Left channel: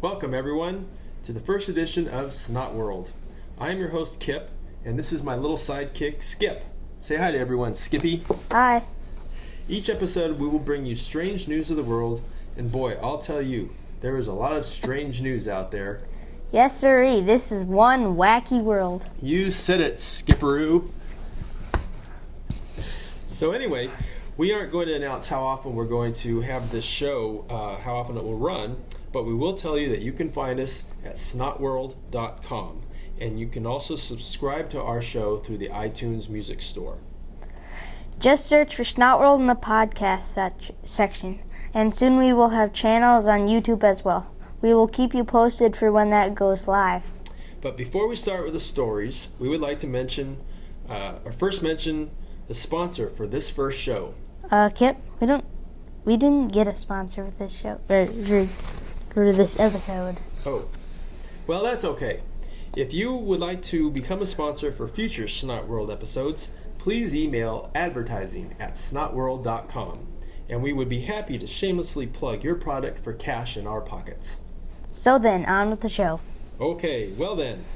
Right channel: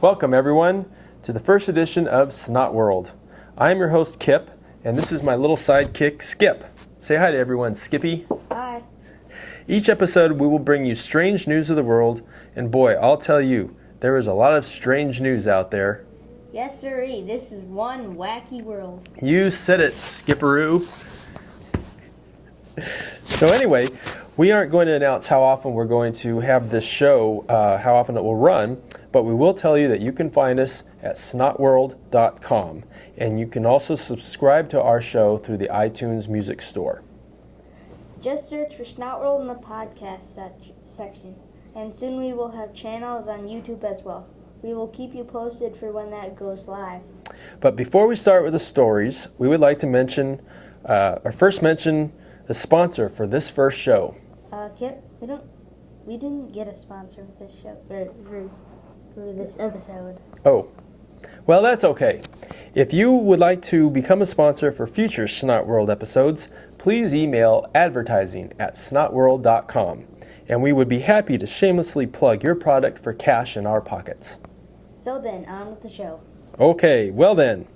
Welcome, everyone, to the first edition of Snotworld. I am your host, Kip, and this is my little sidekick, Skip. Say hi to everyone, Skippy. Hi. Each episode, we will bring you strange news of the world, and boy, I'll tell you, there is a lot of strange news out there. Yes, sirree. This is one wacky world. You said it, Skipperoo. So anyway, we aren't going to announce how often we're going to have this show, how often it will run, but we will tell you that you can find us at snotworld.com, and you can also subscribe to our show through the iTunes Music Store. Just search for Snotworld in the podcast section, and soon we will have channels on YouTube as well. We will keep you posted for when that goes live. But before we start with the stories, we would like to mention, first mention the sponsor for this first show. Kip, we didn't get a sponsor for this show, for this episode. Oh, well, that's okay. If you would like to become a sponsor for future Snotworld episodes, please email advertising@snotworld.com, and we would be happy to shamelessly plug your product for cash in our pockets. So then, on with the show. Okay, well then,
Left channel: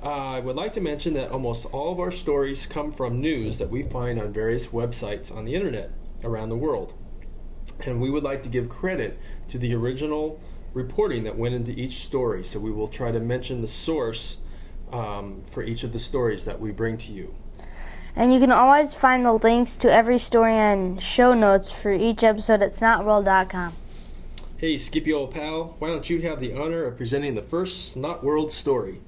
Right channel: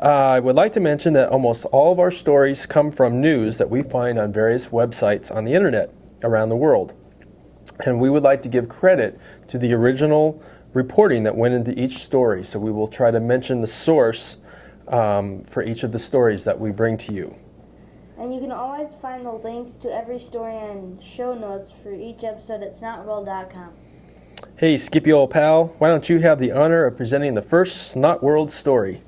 I would like to mention that almost all of our stories come from news that we find on various websites on the internet around the world. And we would like to give credit to the original reporting that went into each story. So we will try to mention the source for each of the stories that we bring to you. And you can always find the links to every story and show notes for each episode at snotworld.com. Hey, Skippy old pal, why don't you have the honor of presenting the first Snotworld story?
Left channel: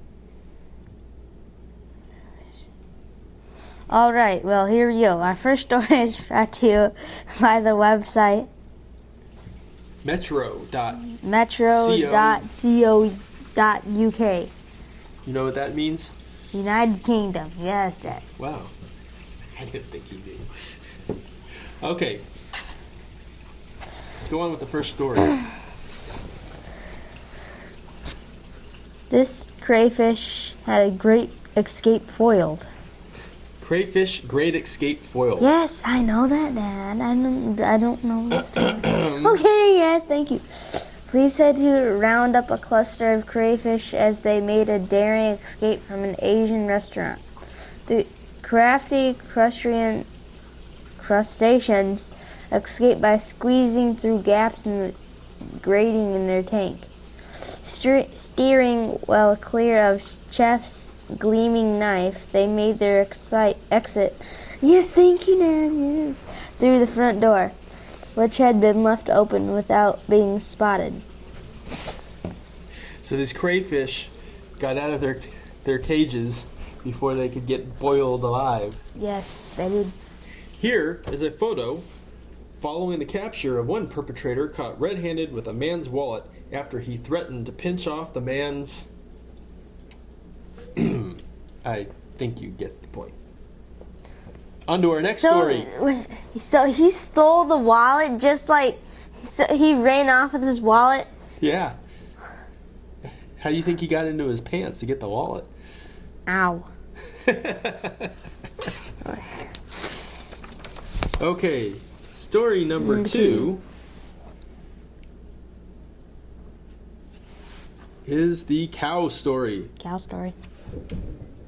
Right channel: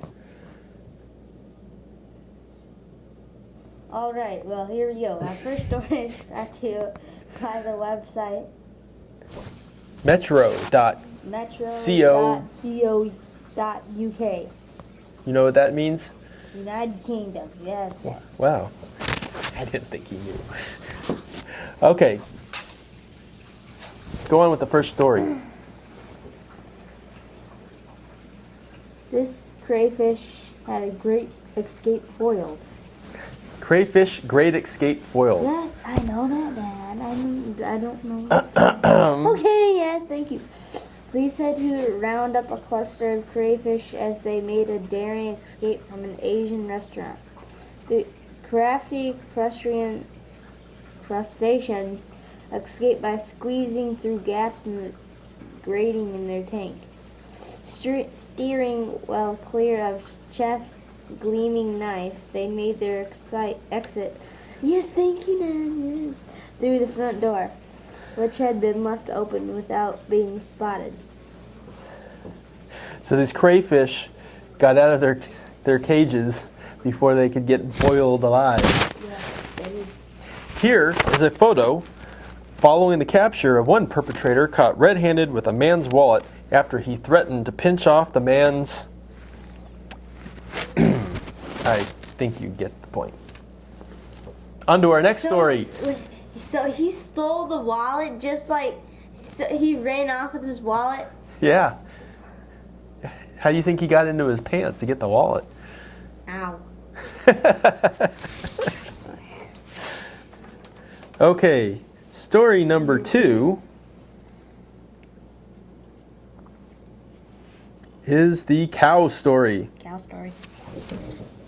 All right, well, here we go. Our first story is brought to you by the website metro.co.uk. You know what that means? United Kingdom. Yes, that. Wow. I didn't think you knew. Okay. Go on with the first story. This crayfish had a great escape foiled. Crayfish great escape foiled. Yes, I know that, Dad. I don't know the story. Okay, yes, thank you. Police had to round up a cluster of crayfish as they made a daring escape from an Asian restaurant. The crafty crustaceans escaped by squeezing through gaps in the grating in their tank. Steering well clear of Chef's gleaming knife, they made their exit. Yes, thank you, Dad. Yes. Through the front door, which had been left open without being spotted. So these crayfish got out of their cages before they could get boiled alive. Yes, they did. Here is a photo following the capture of one perpetrator caught red-handed with a man's wallet after he threatened to pinch off the man's... I think you get the point. On to our next story. So he stole the wallet he ran off with his wallet? Yeah. How do you think he got into his pants to get the wallet? Ow. Okay, story number 2 is the cow story. Cow story. Would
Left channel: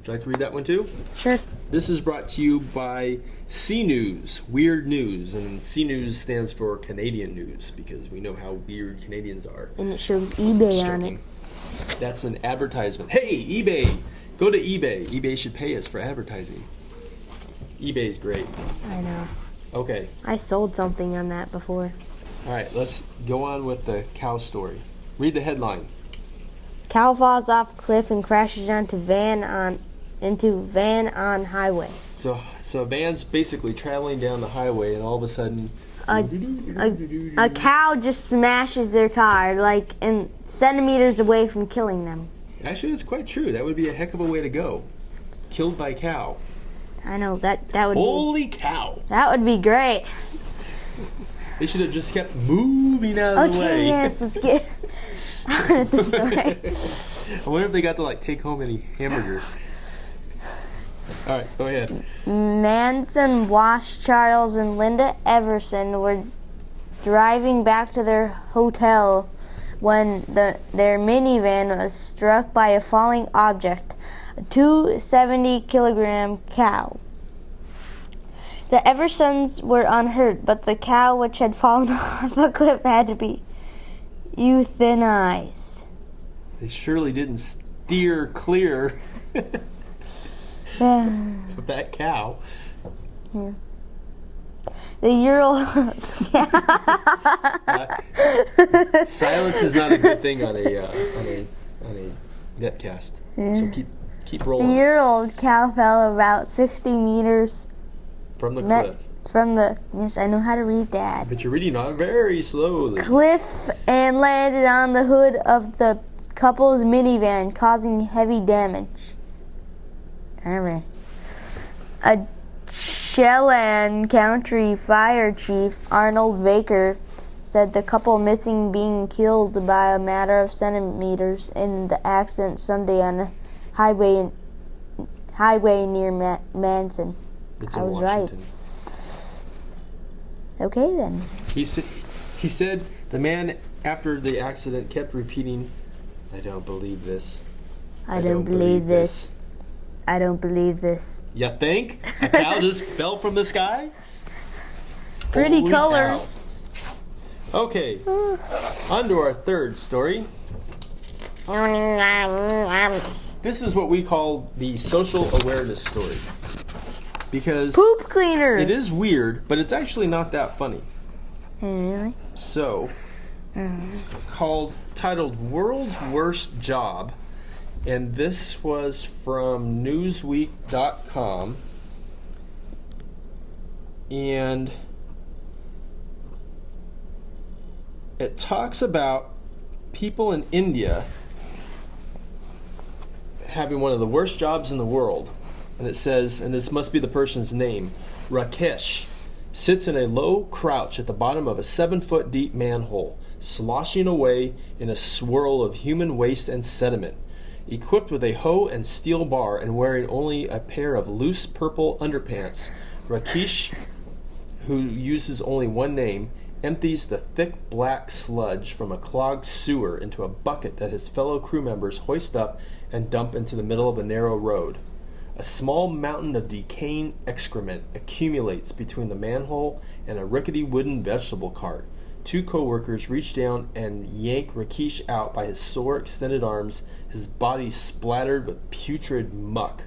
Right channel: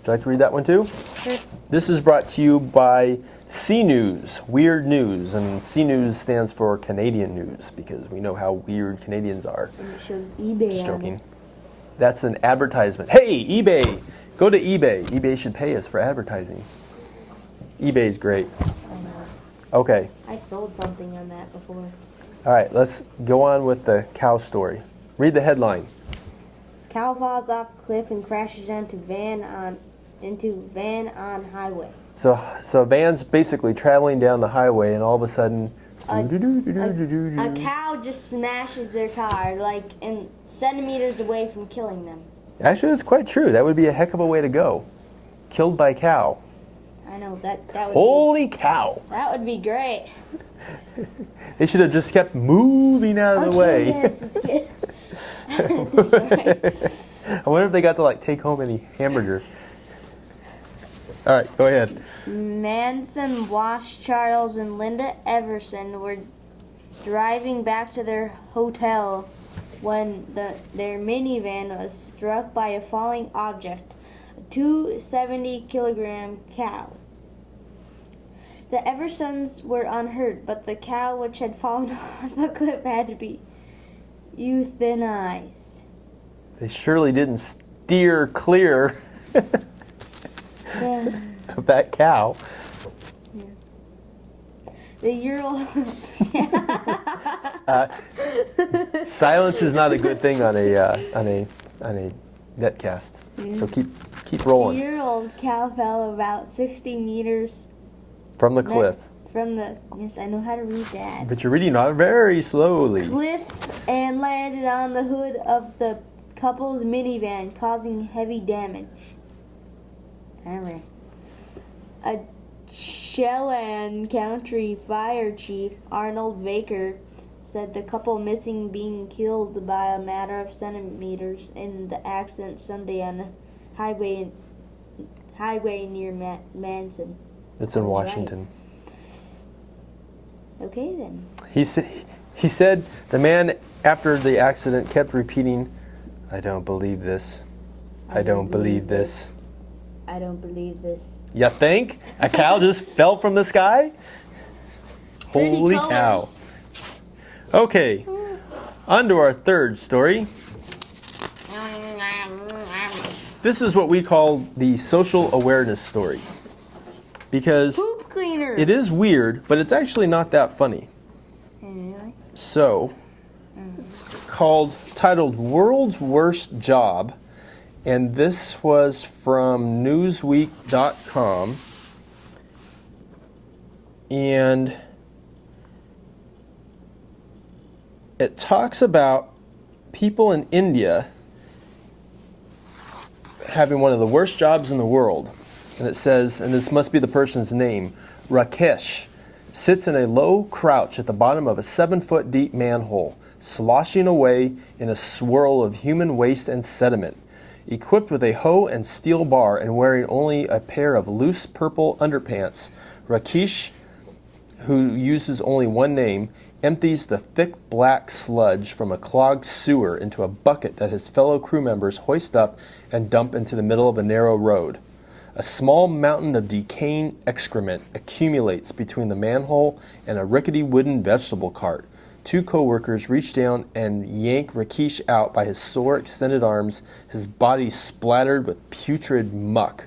you like to read that one too? Sure. This is brought to you by C News, Weird News, and C News stands for Canadian News because we know how weird Canadians are. And it shows eBay on it. That's an advertisement. Hey, eBay! Go to eBay. eBay should pay us for advertising. eBay's great. I know. Okay. I sold something on that before. All right, let's go on with the cow story. Read the headline. Cow falls off cliff and crashes into van on highway. So van's basically traveling down the highway, and all of a sudden, a cow just smashes their car, like in centimeters away from killing them. Actually, that's quite true. That would be a heck of a way to go. Killed by cow. I know that would. Holy cow! That would be great. They should have just kept moving out of the way. Okay, yes, let's get on with the story. I wonder if they got to take home any hamburgers. All right, go ahead. Manson, Wash, Charles, and Linda Everson were driving back to their hotel when their minivan was struck by a falling object, a 270-kilogram cow. The Eversons were unhurt, but the cow which had fallen off a cliff had to be euthanized. They surely didn't steer clear of that cow. Yeah. The Ural. Silence is not a good thing on a netcast. Yeah. So keep The rolling year-old cow fell about 60 meters from the cliff. from the. Yes, I know how to read that. But you're reading not very slowly. Cliff and landed on the hood of the couple's minivan, causing heavy damage. All right. A Chelan County Fire Chief Arnold Baker said the couple missing being killed by a matter of centimeters in the accident Sunday on a highway near Manson. It's I in was Washington. Right. Okay then. He said the man after the accident kept repeating, "I don't believe this. I don't believe this. I don't believe this." You think? A cow just fell from the sky? Pretty Holy colors. Cow. Okay, on to our third story. This is what we call the social awareness story. Because Poop cleaners. it is weird, but it's actually not that funny. Really? So, it's titled World's Worst Job. And this was from Newsweek.com. And it talks about people in India having one of the worst jobs in the world. And it says, and this must be the person's name, Rakesh, sits in a low crouch at the bottom of a 7-foot deep manhole, sloshing away in a swirl of human waste and sediment. Equipped with a hoe and steel bar and wearing only a pair of loose purple underpants, Rakesh, who uses only one name, empties the thick black sludge from a clogged sewer into a bucket that his fellow crew members hoist up and dump into the middle of a narrow road. A small mountain of decaying excrement accumulates between the manhole and a rickety wooden vegetable cart. Two co-workers reach down and yank Rakesh out by his sore extended arms, his body splattered with putrid muck.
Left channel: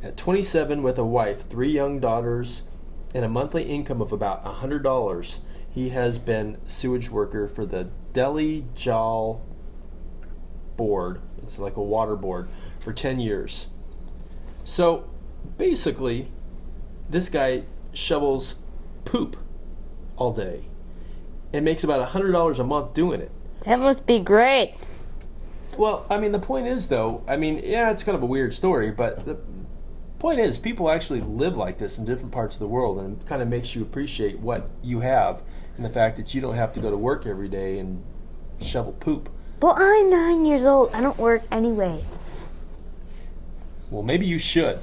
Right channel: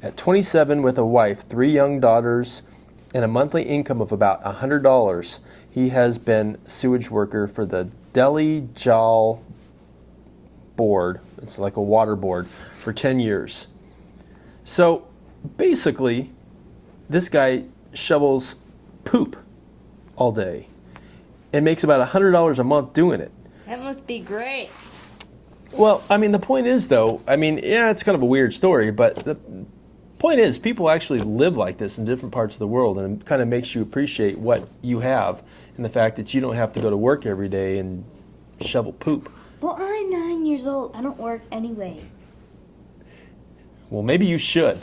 At 27, with a wife, 3 young daughters, and a monthly income of about $100, he has been sewage worker for the Delhi Jal Board, it's like a water board, for 10 years. So basically, this guy shovels poop all day and makes about $100 a month doing it. That must be great. Well, I mean, the point is, though, yeah, it's kind of a weird story, but the point is, people actually live like this in different parts of the world, and it kind of makes you appreciate what you have and the fact that you don't have to go to work every day and shovel poop. Well, I'm 9 years old. I don't work anyway. Well, maybe you should.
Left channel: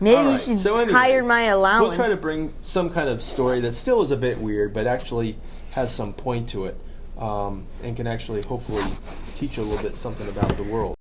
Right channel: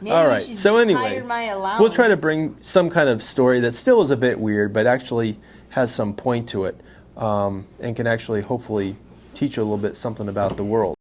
Maybe All you right, should so anyway, hire my allowance. We'll try to bring some kind of story that still is a bit weird, but actually has some point to it, and can actually hopefully teach you a little bit something about the world.